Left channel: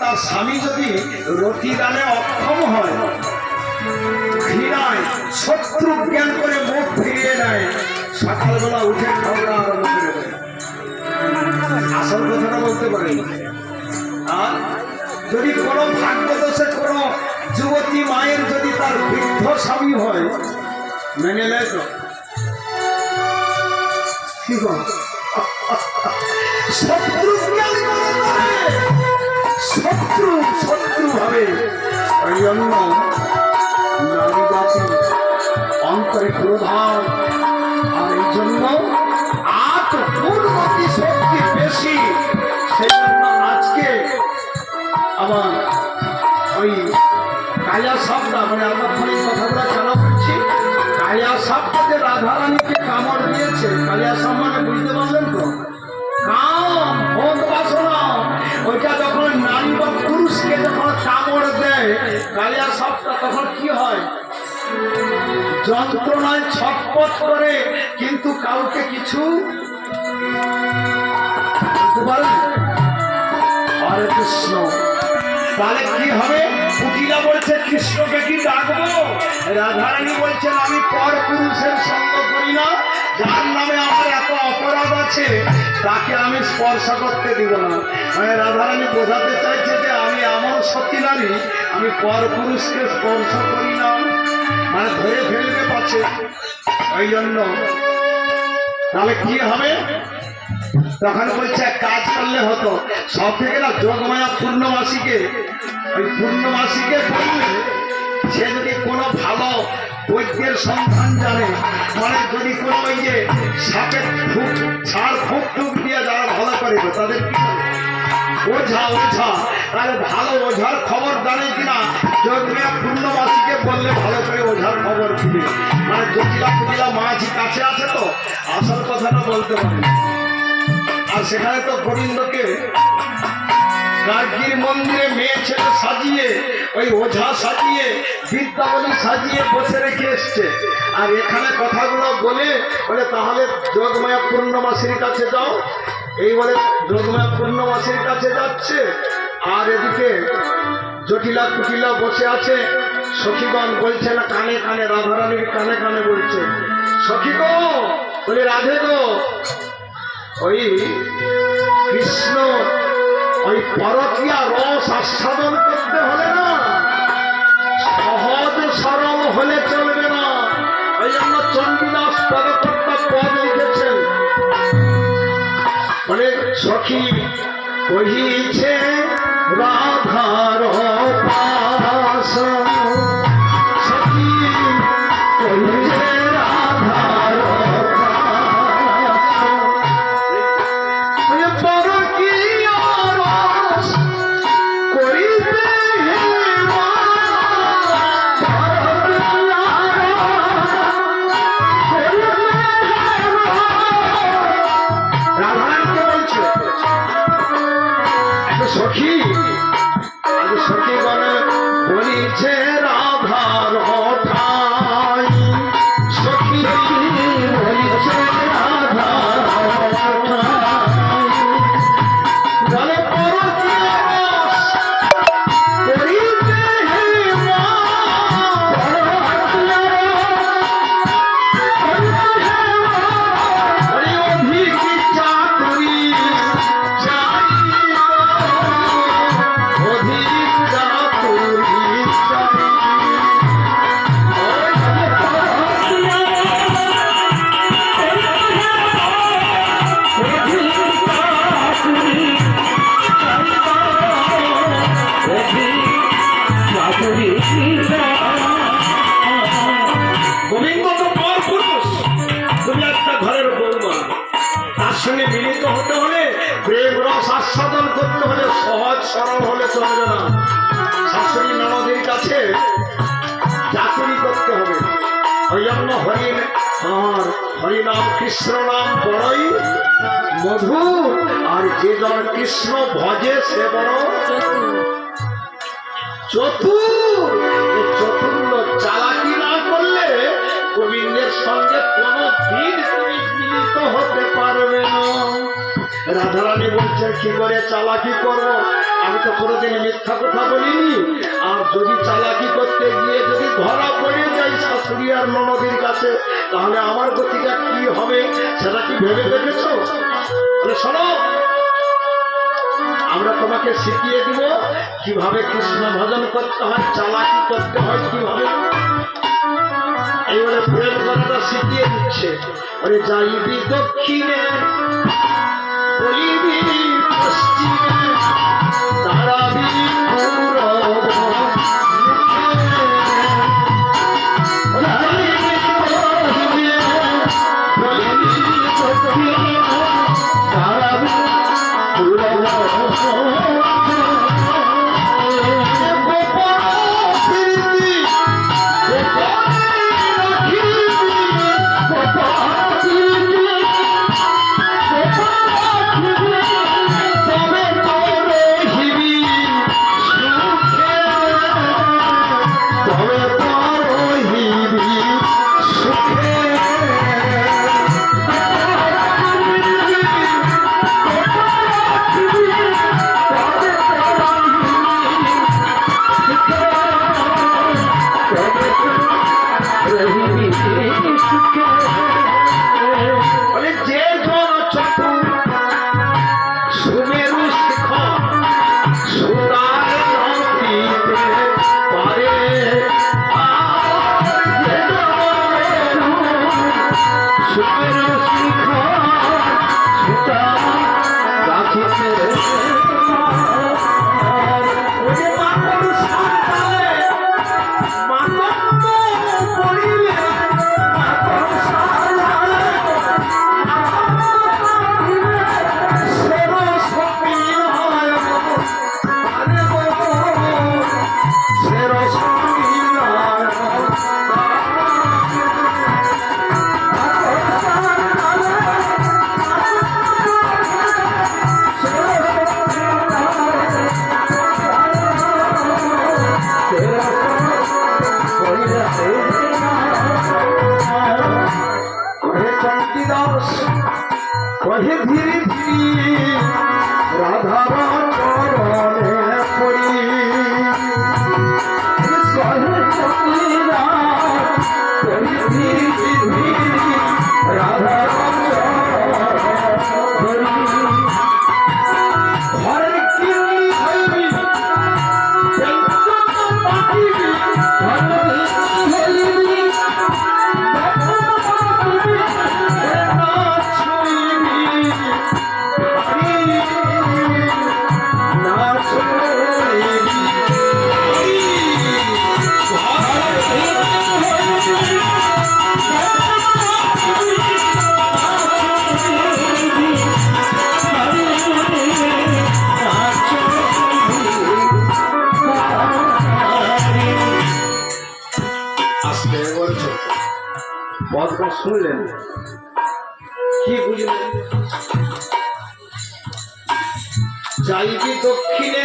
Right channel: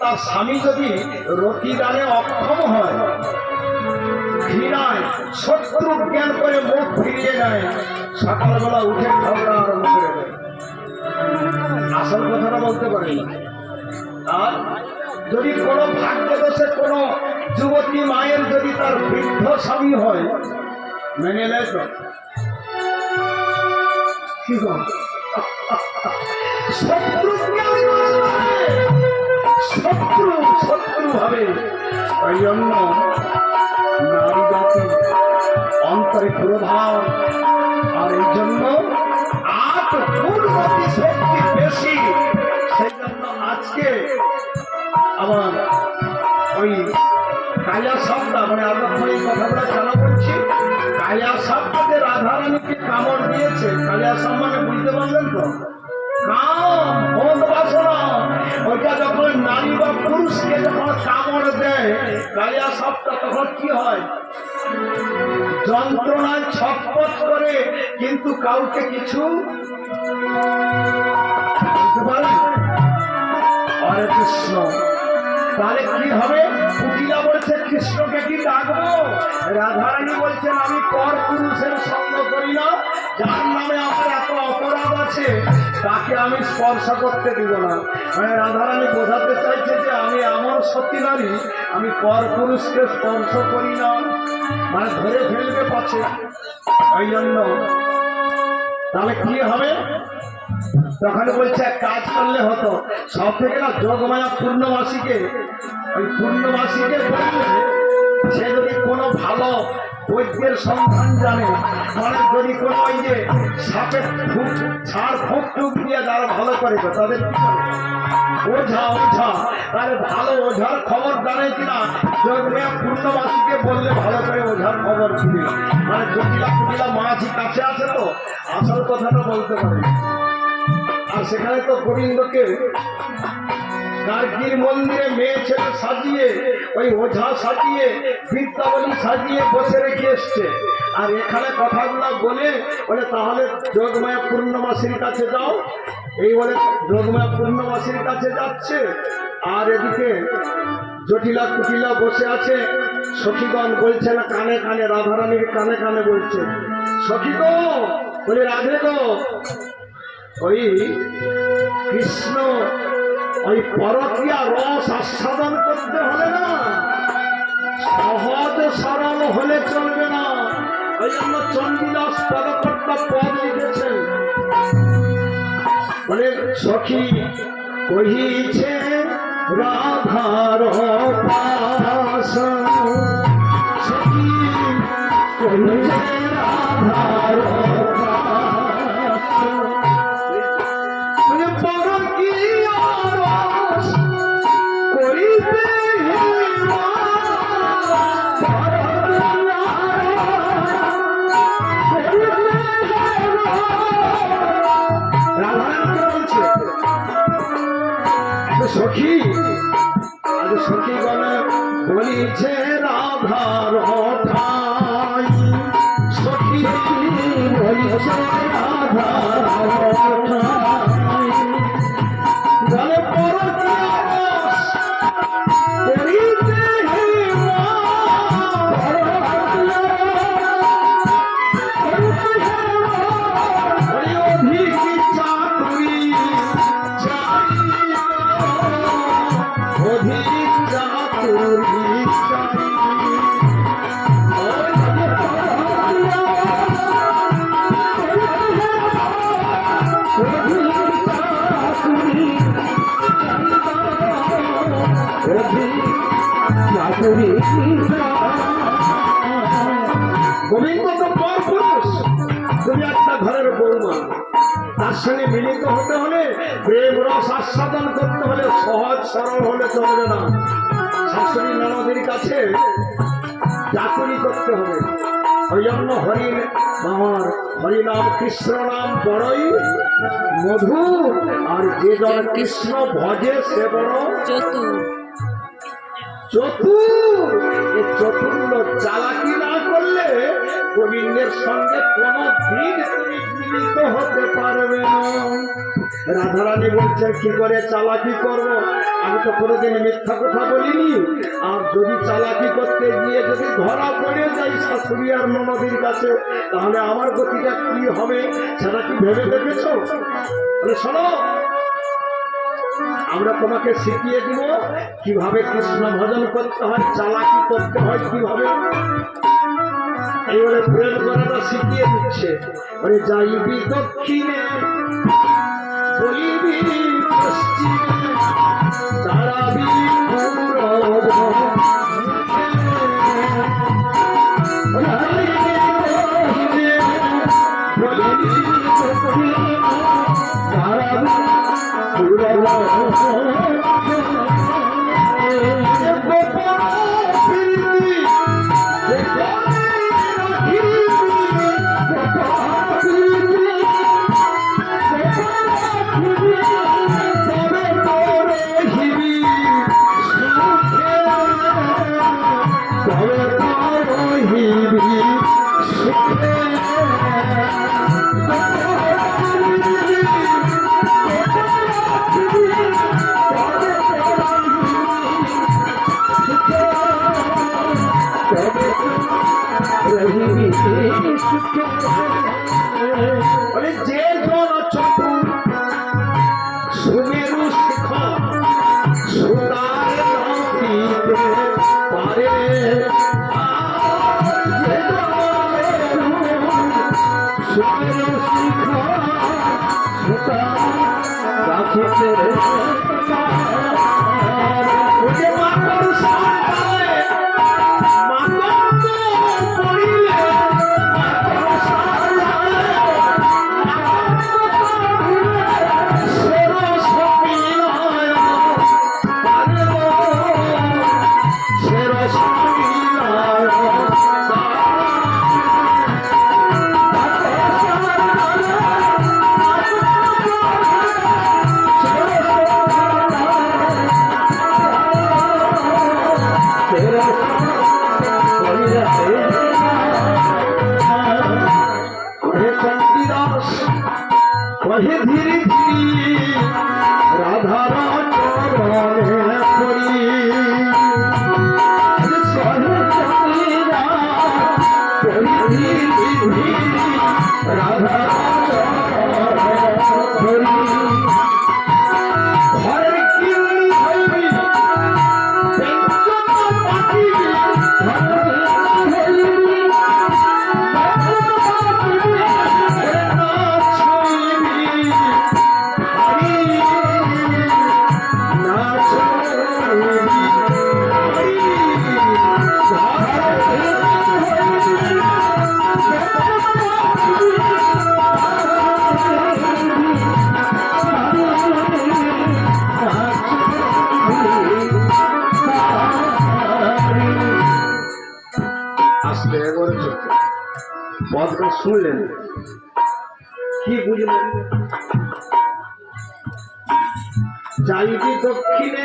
তার স্বামী যদি রতি দানে অক্ষম হয়, ঘৃণায় শত্রু জ্ঞান করে মুখ ফিরিয়ে নেয়, সকালবেলা উঠে ঝগড়া আরম্ভ করে দেয়। আসল কথাটা বলতে পারি। আর যদি কোনো ভাগ্যদোষে কোনো যুবতী মায়ের যদি তার বৃদ্ধ স্বামী হয়, মেনে নেয় তো? কি শত্রু জ্ঞানী শত্রু শত্রু ভাবে ওই জন্য নারী জাতি অন্তরে প্রধান আর এই জন্য আট পূর্বতী শক্তি বেশি সেই জন্য আজকে আমার ওই কায়া সাপটা মানে আমার এই কথাগুলো কেন বলছি কায়া সাপটা যে রাধারানীকে কামড় দিয়েছে কালিয়া সাপ মানে বুঝতে পারলেন তো কাম ভোগ বাসনা ওইটা যখন কালিয়া সাপটা তখন কি হয়? যন্ত্রণায় ছটপট করে, কিন্তু কাউকে কিছু হরে কৃষ্ণ। তাহলে কি হবে? পুটিলা বলছে, কৃষ্ণকে কি ডাকবো? রাধারানী বলছেন, আমি পর পুরুষের সঙ্গ করি না। যার নামে আমার এত অপরাধ আছে, তাকে আমি স্পর্শ করতে দিব না। মানে রাধারানী বোঝাতে চাইছে যে, আমি এমন সত্যি নারী, আমি পর পুরুষকে স্পর্শ করি না। মানে ধরে ফেলবে পারছে। ওই জন্য তাহলে কি হবে? তখন বলছে, এক কাজ করলে হতো। সব থেকে না, যোগমায়া পূর্ণমাসীকে ওই পূর্ণমাসীকে বললে সে যদি কোনো ভালো বৈদ্যের সন্ধান জানে মানে যদি কোনো ওই যে সাপের ফুক ছাড় ফুক টুক দিয়ে যারা ভালো করে, তাদের কি ওঝা ওঝা, তাহলে ভালো ওঝার খবর জানে কিনা? যোগমায়া পূর্ণমাসীকে বললে ভালো করে ওঝার খবর দিবে মানে জটিলা কুটিলা মাঝি কাছে আছে তো, আসল কথাটা বলতে পারে। আর সেখানে তো গোবিন্দকে গার্গীর মন্দিরে মেয়ে ছেলে সাজিয়ে ওই ওঝা সাজিয়ে বিদ্যাবলী সাজিয়ে বসে রেখে এসছে। আর এখানে কথাগুলো বলে বলে, তাহলে যোগমায়া পূর্ণমাসীর কাছে যাও। এই বলে যোগমায়া পূর্ণমাসীর কাছে যাচ্ছে। আর এদিকে জটিলা কুটিলা বসে আছে। সখীগণ বলছে, না, কানে কানে, রাধারানীর কানে কানে বলছে। সখী গো বলে, রাধে গো। ওই কৃষ্ণ ওই পরকীয়া রস আস্বাদন করতে হলে না, সহজ সরল হলে চলবে না। ওই জন্য চণ্ডীদাস পদকর্তা পদ লিখেছেন। মানে সখী, কহিছে রাধার পাশ সখী, কহিছে রাধার কাছে চাকরি করতে হবে। ওই জন্য হরিণ হরিনাম কৃষ্ণ নাম বড়ই মধু আর যে জন কৃষ্ণ ভজে সে বড় চতুর। চতুর্ল চালাকি না করলে গোবিন্দের সঙ্গে কোনো দিন তুমি মিলিত হতে পারবে না। রাধারানী বলছে কি করে চালাকি করব? আমি তো কোনোদিন মিথ্যা কথা বলিনি। যদি চালাকি করতে গিয়ে যদি ধরা পড়ে যাই শাশুড়ি আর ননদীর কাছে, তাহলে আমার গতিটা কি হবে সেটা কি ভেবে দেখেছ? শোনো, আমরা তোমাকে শিখিয়ে দিব কীভাবে কৃষ্ণ ভজন করতে হয়, চালাকি করতে হয়, কীভাবে। এইবারে প্রেম করাটা শিখিয়ে দিচ্ছে। ওরে যাইবি দক্ষিণে, বলিবি পশ্চিমে, দাঁড়াবি পূরব রাখিতে যাইবি দক্ষিণে,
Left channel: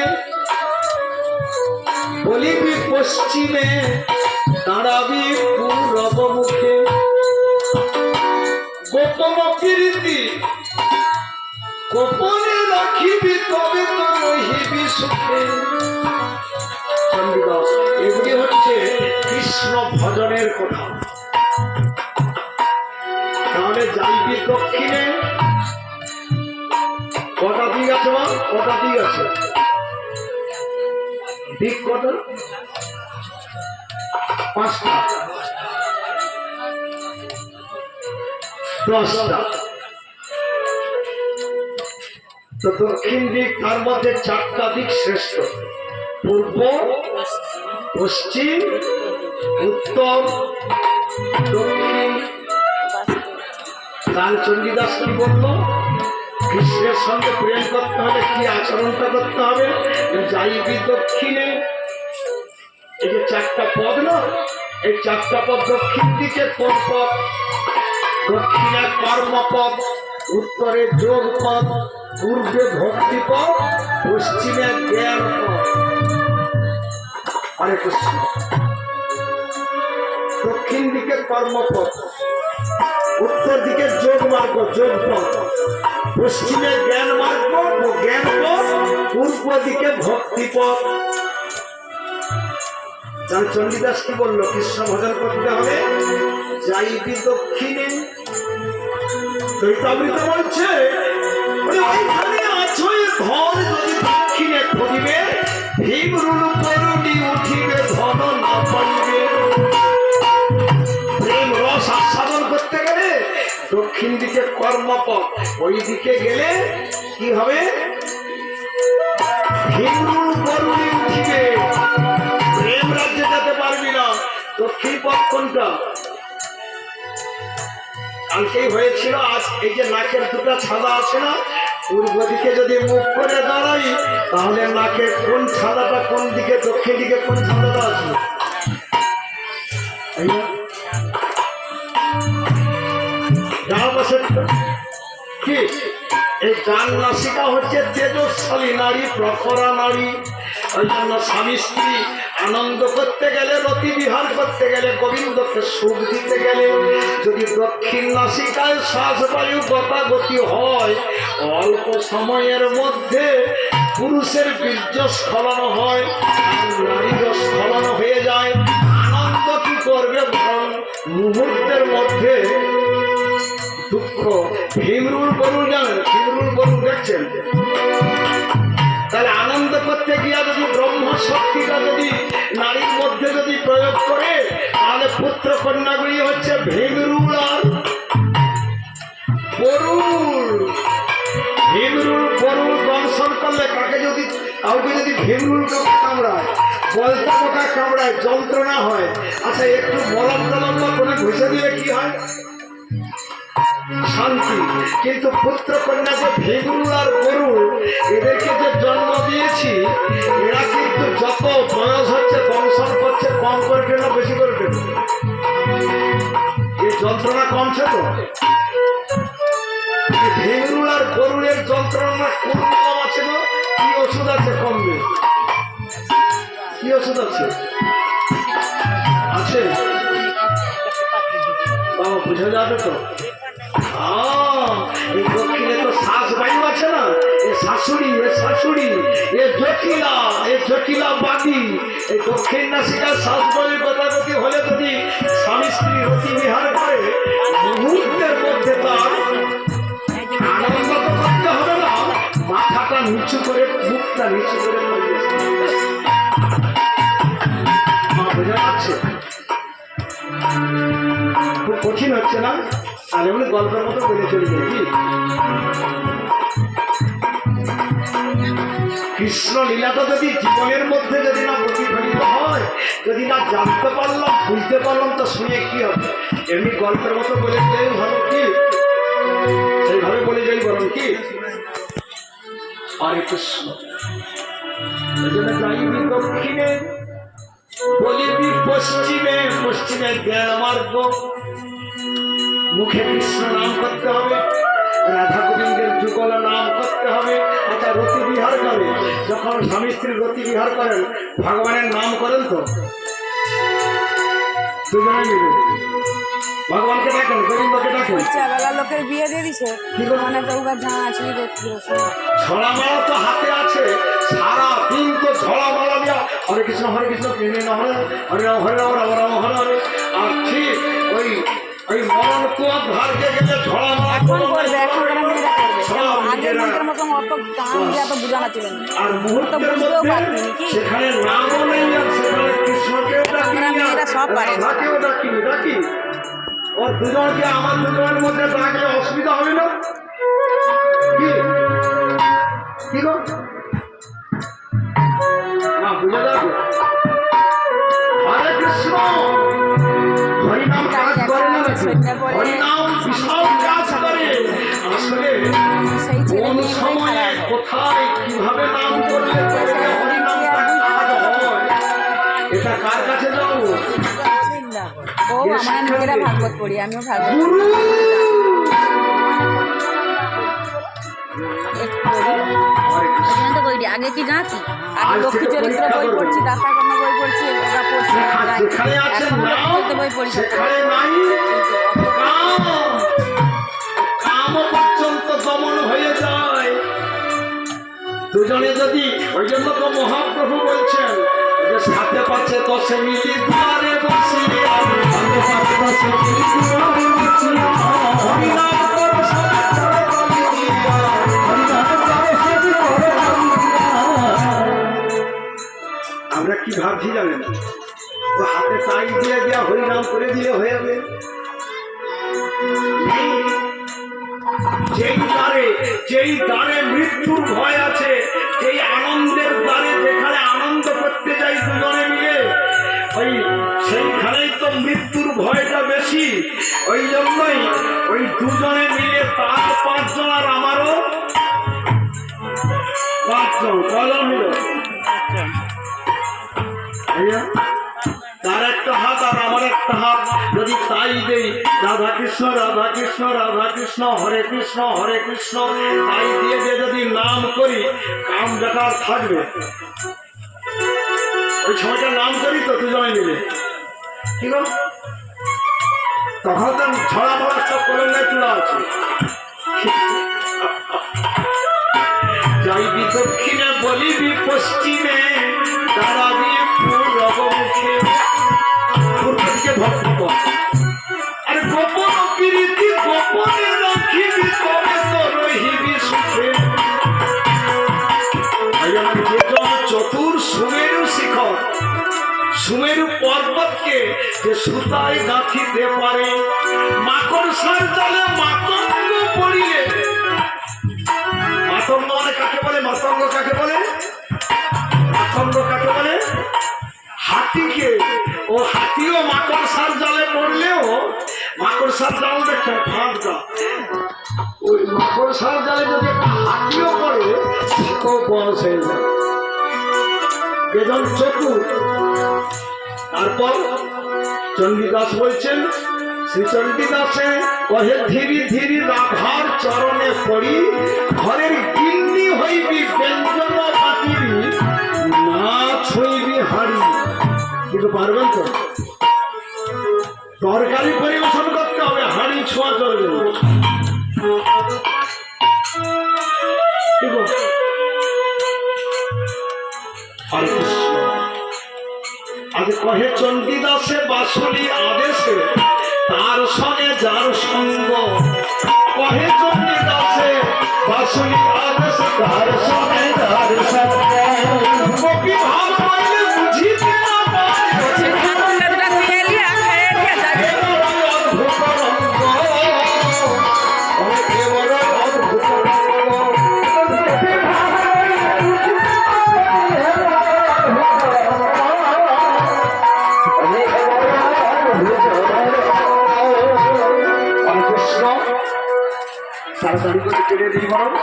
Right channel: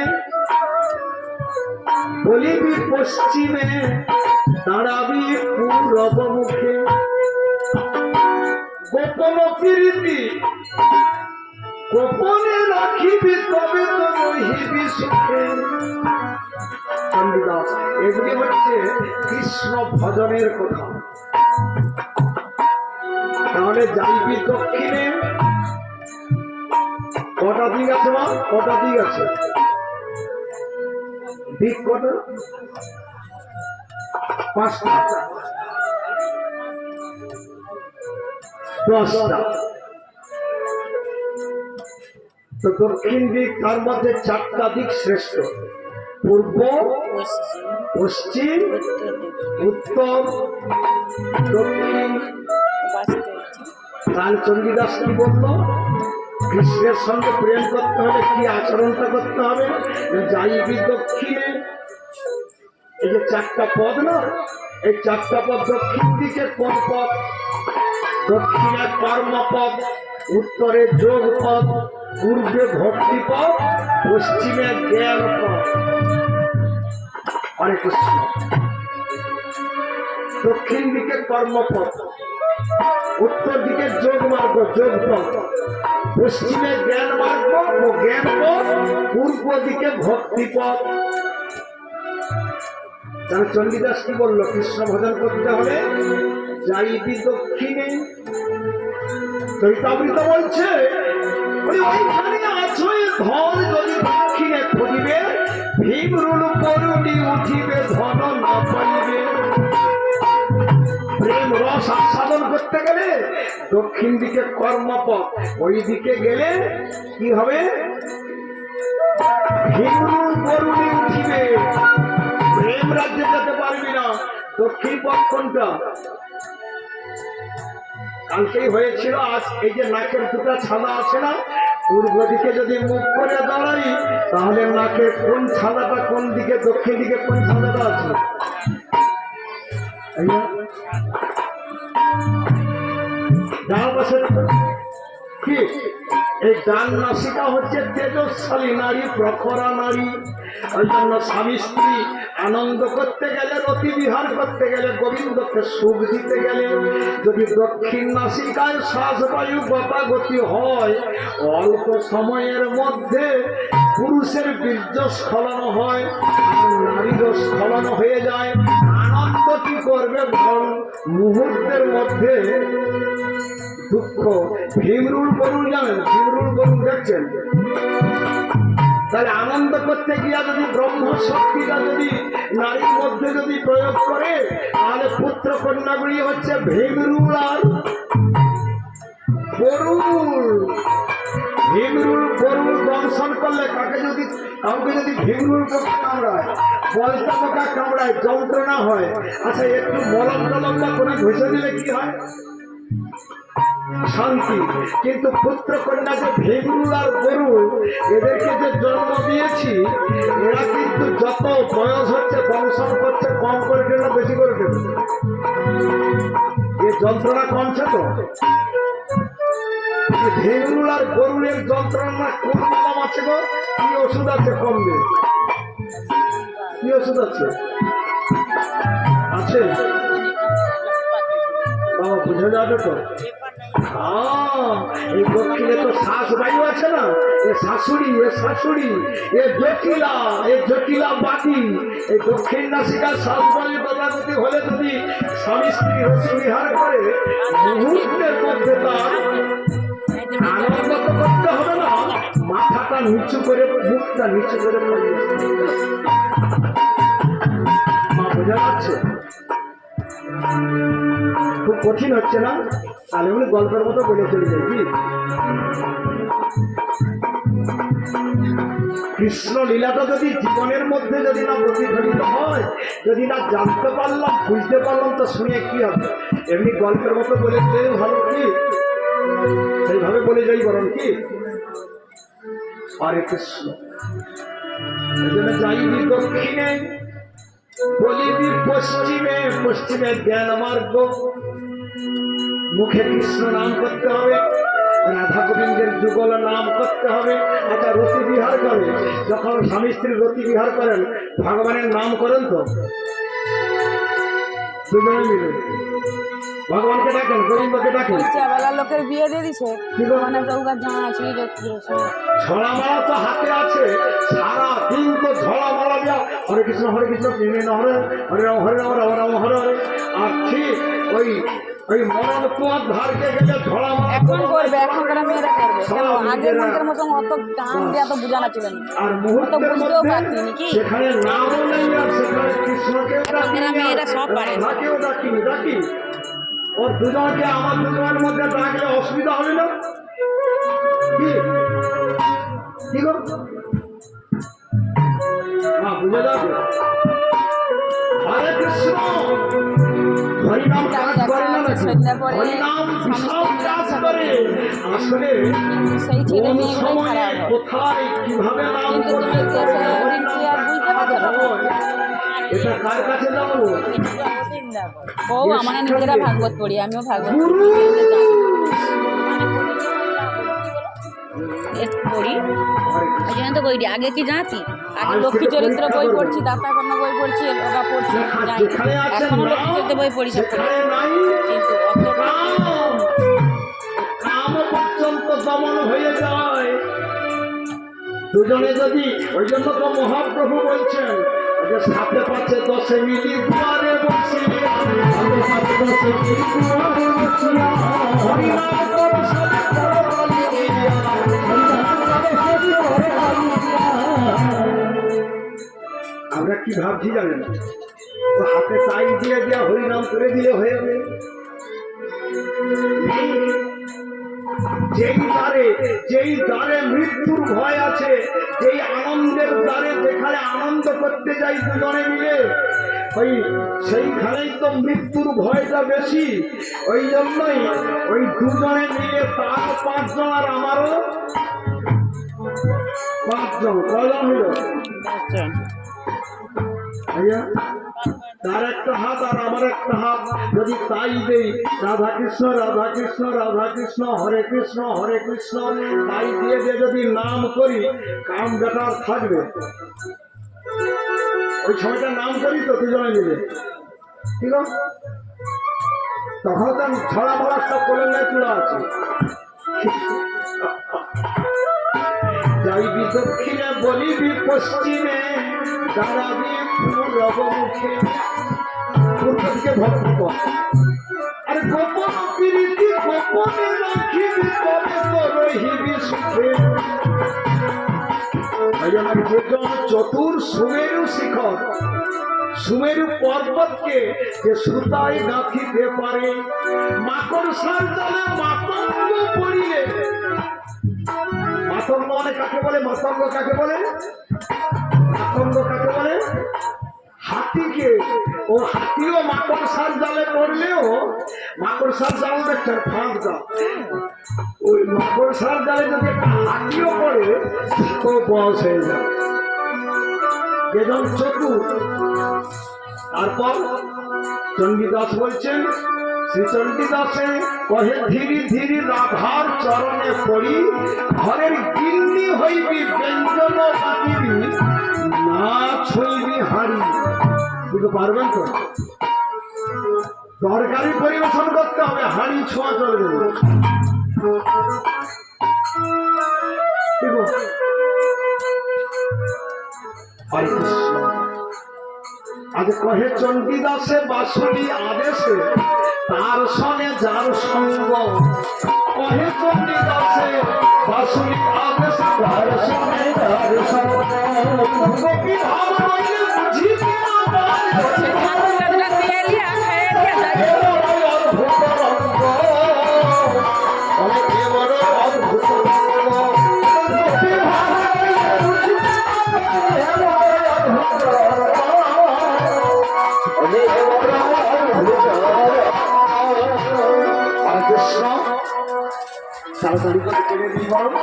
বলিবি পশ্চিমে, দাঁড়াবি পূরব মুখে। গোপন কীর্তি গোপনে রাখিবি তবে তো রহিবি সুখে। এগুলি হচ্ছে কৃষ্ণ ভজনের কথা। তাহলে যাইবি দক্ষিণে কটা দিক আছে? দিক কটা? পাঁচটা। দশটা। তো দক্ষিণ দিক, তার মধ্যে চারটা দিক শ্রেষ্ঠ। পূর্ব, পশ্চিম, উত্তর, দক্ষিণ। কাল চণ্ডীদাস কি বলল? কৃষ্ণের সঙ্গে প্রেম করতে হলে কি আচরণটা করতে হবে? যাইবি দক্ষিণে এই যে চারটা পদ না, এই চারটা পদ দক্ষিণ দিকে কোন পদ? দক্ষিণে কর্মপদ, উত্তরে যোগ পদ পূর্বে ভক্তি পদ পশ্চিমে জ্ঞান পদ কৃষ্ণ। দক্ষিণ দিকে কর্মপথ উত্তর দিকে যোগ মার্গ যোগ পথ পশ্চিমে জ্ঞান মার্গ জ্ঞান পথ পূর্ব দিকে ভক্তি পথ। তাহলে চণ্ডীদাস কি বলল? কৃষ্ণ ভজন করতে হবে যাইবি দক্ষিণে। চৈতামৃত বলছে বলে, ওইখানে আছো ধন যদি দক্ষিণে খুঁজিবে ভীমরুল করুণি উঠিবে ধন না পাইবে দক্ষিণ দিকে কর্মপথ ওই দিকে গেলে কি হবে? প্রেম রাজ্যে যেতে পারবি না। দক্ষিণ পথ কোনটা? কালকেই হয়েছিল, আজ এই যে নাকের দুটো ছাদা আছে না, পূর্ব দিকে যদি মুখ করে দাঁড়াই, তাহলে নাকের কোন ছাদাটা কোন দিকে, দক্ষিণ দিকে কোন ছাদাটা আছে? এই ডান নাসিকা হচ্ছে তেজস্বালী নারী, প্রখরা নারী। ওই জন্য স্বামী স্ত্রী আনন্দ করতে গেলে, রতি বিহার করতে গেলে, গোবিন্দকে সুখ দিতে গেলে, যদি দক্ষিণ নাসিকায় শ্বাসবায়ু গতাগতি হয়, অল্প সময়ের মধ্যে পুরুষের বীর্য স্খলন হয়, নারীর স্খলন হয়ে যায়। আনন্দ কি করবে মুহূর্তের মধ্যে দুঃখ। ভীমরুল বরুণ জানেন ভীমরুল বরুণ দেখছেন? তাহলে আনন্দ করতে গিয়া যদি ব্রহ্ম শক্তিটা যদি নারীর মধ্যে যদি প্রয়োগ করে, তাহলে পুত্র কন্যাগুলি হচ্ছে ভীমরুল আর বরুণ ভীমরুল বরুণ দংশন করলে কাকে যদি, কাউকে যদি ভীমরুল কামড়ায় বলতা পোকা কামড়ায়, যন্ত্রণা হয় আচ্ছা একটু মলম টলম বা কোনো ঘুষে দিলে কি হয়? শান্তি। কিন্তু পুত্র কন্যা যে ভেগুল আর গরু, এদেরকে যে জন্ম দিয়েছি, এরা কিন্তু যত বয়স হচ্ছে দংশন করছে কম করবে না, বেশি করে এ যন্ত্রণা কমছে তো? এই ভেগুল আর গরুরের যন্ত্রণা কোন কম আছে গো? কি ওষুধ আছে কমবে? কি ওষুধ আছে? আছে? বুঝে যাবে তো? এই দক্ষিণে তো শ্বাস বায়ু আছে না? এ শাশুড়ি এ শাশুড়ি, এ জটিলা এ জটিলা বাদি। এই দক্ষিণ নাসিকার শ্বাস বায়ু গতাগতি হলে যদি স্বামী স্ত্রী রতি বিহার করে, মুহূর্তের মধ্যে তার আনন্দ করতে হবে না। মাথাটা নিচু করে মুখটা নিচু করে বোঝা যাচ্ছে? খুব কঠিন হচ্ছে না? আর এমনি গল্পের মতো বলে চলে যায়, কি? কৃষ্ণ লীলাটা যদি জীবনের মধ্যে যদি না প্রতিফলিত হয়, যদি না জানতে পারলাম, বুঝতে পারলাম, তো শুনে কি হবে? এমনি গল্পের মতো বলে যাই ভালো কি? সেইভাবে বলে যাই বরং কি? হরে কৃষ্ণ। যাইবি দক্ষিণে বলিবি পশ্চিমে পশ্চিমে জ্ঞান মার্গ মুখে কৃষ্ণ নাম করতে হবে। রাধা গোবিন্দের যুগল নাম করতে হবে। আচ্ছা রতি বিহার করে। যখন স্বামী স্ত্রী রতি বিহার করেন ভগবানের নাম করেন তো? দুজনে মিলে। ভগবানকে ডাকেন গোবিন্দকে ডাকেন। বেলা লোকের বিয়ে দিয়ে দিছে। মানে চৌকার জানা আছে তো হাতে আছে। সারা দিন তো ঝড়া মালা হরে কৃষ্ণ হরে কৃষ্ণ কৃষ্ণ না হরে হরে রাম হরে রাম রাম রাম হরে হরে। আর ঠিক ওই এখন করবে এখনকার মেয়েরা করবে। কেন? আগের মন্ত্রের মতন অত কাম দিয়ে এত বোঝানো ছিল না। আর তো বুঝতেও পারতিনি কি? এখনকার মেয়েরা সব পারে। দুজনকে আমার দুজনের মধ্যে অসুবিধা হবে না? কি? কি গো? না বুঝে যাবে। হরে কৃষ্ণ! তাই দেখা আছে? সন্ধ্যা পরে স্বামী স্ত্রী সেই ছেলে মেয়েগুলোই খারাপ কিন্তু তুমি দেশে হরিনাম কি আর বুঝতে পারছ এটা কার কাছে যাব? ও আমরা নিজেরা ভাগবত পড়ি আমিও ভাগবত পড়ি। আগে কি জাতি? লক্ষ্মী চরিত্র বই। পড়ছি বই পড়ছি ওটা পড়ছি জানি লক্ষ্মী চরিত্র বই পড়ি কিন্তু হয়ে দুজনে যদি ওই জন্য তো মহাপ্রভু বলছেন যে সাথে পাচ্ছে দশে মিলি দুয়ারে দশে মিলি দুয়ারে বসিয়া হরিনাম কি ভাবছি জানেন? ও হাতে টাই দিয়ে দেওয়া হরিনাম করে দিলে হয়ে যাবে। যেই দ্বারে যেই দ্বারে মৃত্যুর ভয় আছে, যেই আনন্দের দ্বারে যেখানে আনন্দ করতে যাই দুজনে মিলে, ওই সেইখানেই তো মৃত্যুর ভয়টা বেশি। ওই জন্যই ওই দুজনে মিলে তার পাঁচজন আর আমারও পাঁচজন কজন হলো তার একটা হাত আর আমার একটা হাত। যদি তাই দেই রাধা কৃষ্ণ রাধা কৃষ্ণ রাধা কৃষ্ণ হরে কৃষ্ণ হরে কৃষ্ণ, তাই দিয়ে দিয়ে যদি নাম করি কাম বেকার থাকবে। ওই ছয়টা নাম করি তো দুজনে মিলে। ঠিক আছে তখন তো ছড়া মড়া সব কলঙ্গায় চূড়া আছে। যাইবি দক্ষিণে বলিবি পশ্চিমে, দাঁড়াবি পূর্ব মুখে পূর্ব দিকে ভক্তি আর গোপন প্রীতি গোপনে রাখিবি, তবে তো রহিবি সুখে। চতুর সুমেরু শিখর, সুমেরু পর্বতকে যে সুতায় গাঁথিতে পারে মাকড় পড়লেও মাকড় সার জাল ফাঁদটা ওই যদি বেদন চতুর তারপর চণ্ডীদাস বলছেন, শ্রী চণ্ডীদাসে কহে, ধীরে ধীরে রাধার চরণে পড়ি, ঘরের গিন্নি হইবি ব্যঞ্জন পাতিবি না ছইবি হাড়ি। কিন্তু পারবেন তো? তরকারি পরিবেশন করতে হবে, হাড়ি ছোঁয়া চলবে আজ কহে চণ্ডীদাসে বাসুলি আদেশে, তার সঙ্গে যার সঙ্গ, কহে তাড়াতাড়ি করে কেড়ে দিই বরং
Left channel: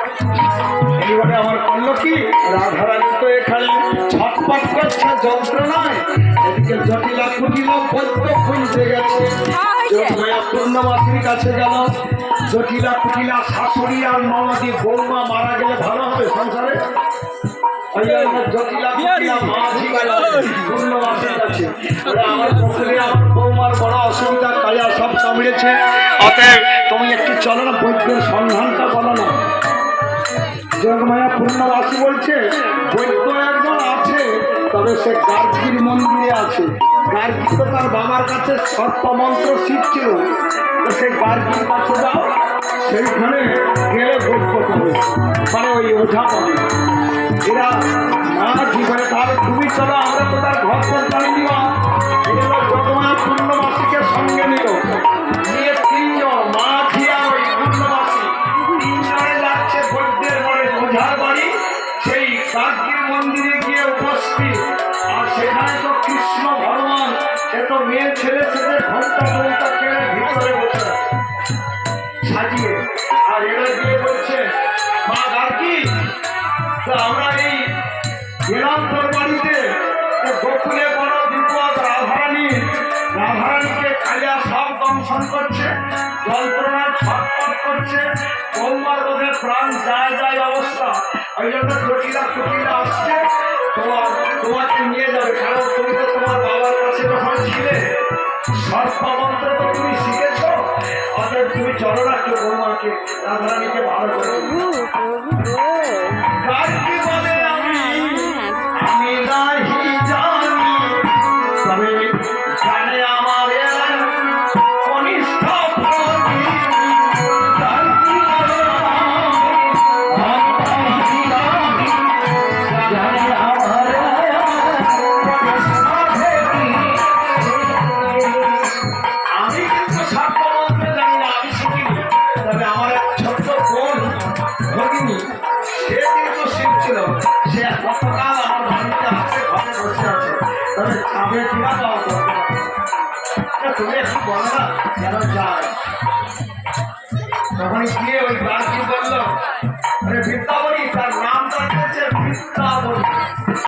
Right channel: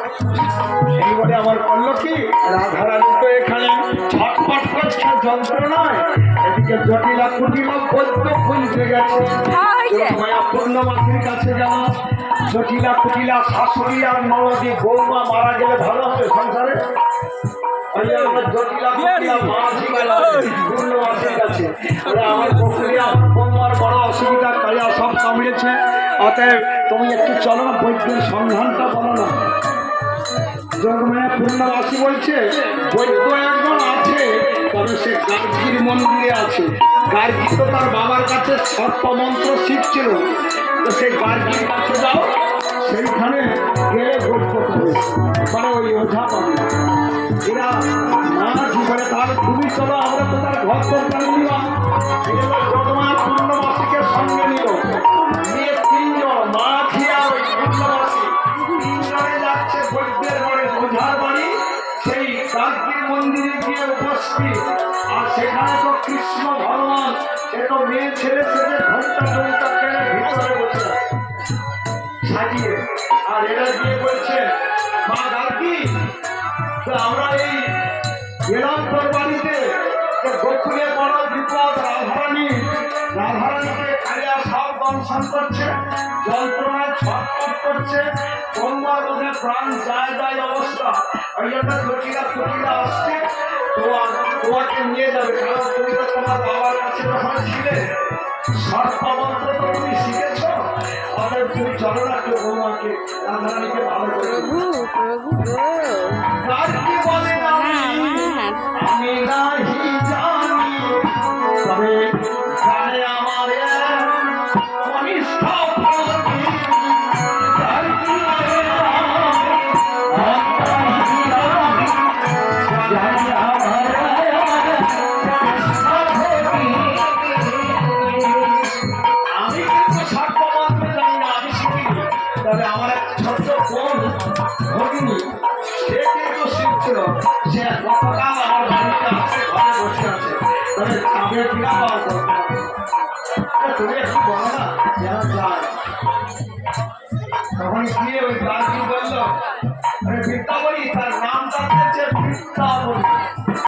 এইবারে আমার করল কি রাধারানী তো এখানে ছটপট করছে যন্ত্রণায়। এদিকে জটিলা কুটিলা বৈদ্য খুলতে গেছে। পূর্ণমাসির কাছে গেলাম জটিলা কুটিলা শাশুড়ি আর নবদী বৌমা মারা গেলে ভালো হবে সংসারে? জটিলা কুটিলা পূর্ণমাসির কাছে। ওরা আমার বৌমার বড় অসুবিধা কালিয়া সব কামড়েছে অতএব তুমি একটু চলো না বৈদ্যের সন্ধানটা বলো না। যোগমায়া পূর্ণবাসী বলছে বৈদ্য একজন আছে তবে সে গার্গীর মন্দিরে আছে। গার্গী তো তার বাবার কাছে সর্পমন্ত্র শিখছিল। তো সেই গার্গীর কাছে যাও সেইখানে গেলে বৈদ্য পাবে মানে ওই ওঝা পাবে। এরা মা জীবনে তাহলে তুমি চলো, আমরা তো তার ঘর জানি নিবা যোগমায়া পূর্ণবাসীকে সঙ্গে নিল। তো আমরা এই গেলাম তোর বাড়িতে গোকুলে বড় বিপদ, রাধারানী, রাধারানীকে সব দংশন করছে যন্ত্রণা ছটপট করছে তোমার ওদের প্রাণ যায় যায় অবস্থা। ওই জন্য জটিলা কুটিলা আসছে, তোমার, তোমাকে নিয়ে যাবে। কারণ তুমি তোমার বাবার কাছে যখন ছিলে সর্বমন্ত্র তুমি শিখেছ। অতএব তুমি চলো না কেউ বৌমাকে রাধারানীকে ভালো করে প্রভু প্রভু গো কার কি বলে না আমি আমার